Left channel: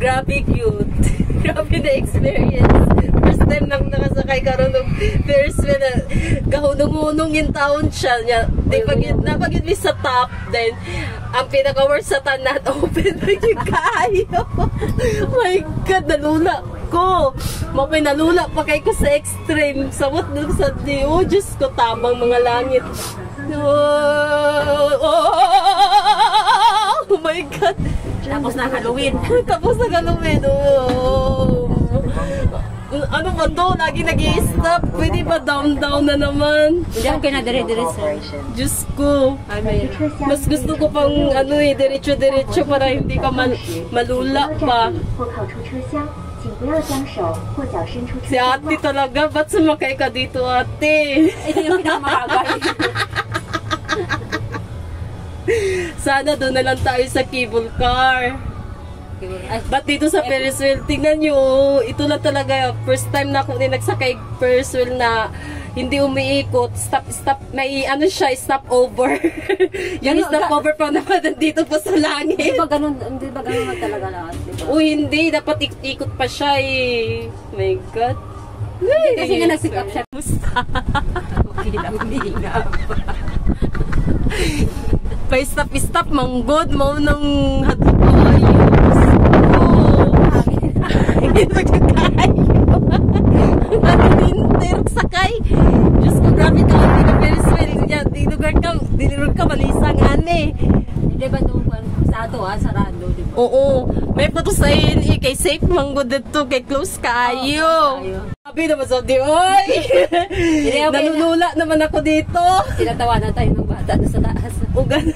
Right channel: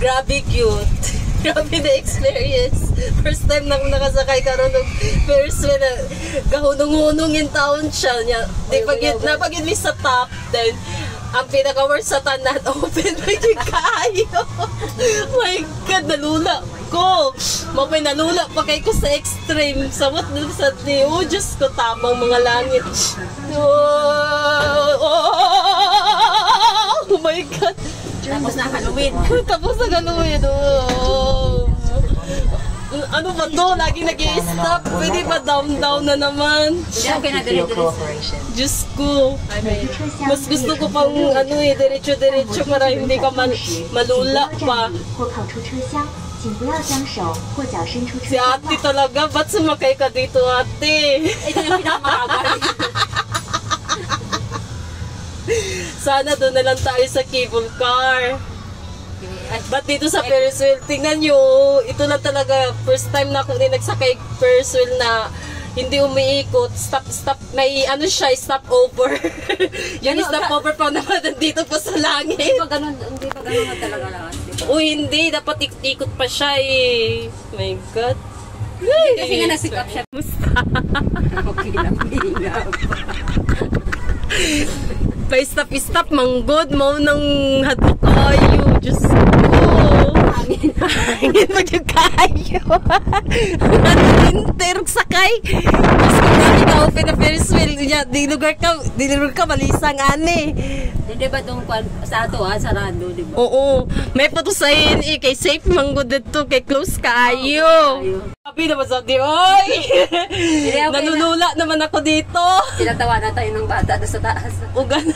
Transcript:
Grabe cute. Grabe na experience. First time na akong nakasakay karon ng Ferris wheel na kahunong-hunong yung taon siya. Di pag yun sa top, then ang pinaka-worst sa tanan, open na yung kayo. My God, nalula ko. Mapay nalula pa kay ko sa extreme. Samot dun sa di. Oh, Diyos ko, tabang mga langit. Oh my God. Tapos na Halloween. Tapos na Halloween. Oh. Ano ba to? Lagi nag-i-stop. Pwede ba down na naman? Hindi ako kinadiri-diri. Diyos ko. Mas gusto ko pang diretso-diretso para hindi ka malula pa. Si ate talaga. Ba't sumakay ka dito, ate? Ito yung pinakamagal. Sana doon na lang tayo sa cable car. Ba't dito sa Ferris wheel? Tingnan nyo, ito lang talaga. First time na ako nagsakay Ferris wheel na hindi umiikot. Stop. May ano siya, stop over. Yung stop over pa naman dito po sa langit. Hindi ba ganun talaga lahat? Hindi. Dapat ikot pa siya eh. My God. Kasi nga nasikap siya. Musta? Okay lang, hinga. Pa-stop, manggod mo nang hadlo kayo. Diyos ko. Hangin mo dyan kayo. Hinter sakay. Diyos ko na ika-open na Ferris wheel. Dilugar ka, malisang ane. Hindi ba doon sa ato sarado, di ba? Oo. May patusayin kay safe manggod dito, kay close kayo. Sabi naman sabi, oy! Nanulula naman ako dito. Tinatawa na tayo ng bata doon sa taas. O gano'n.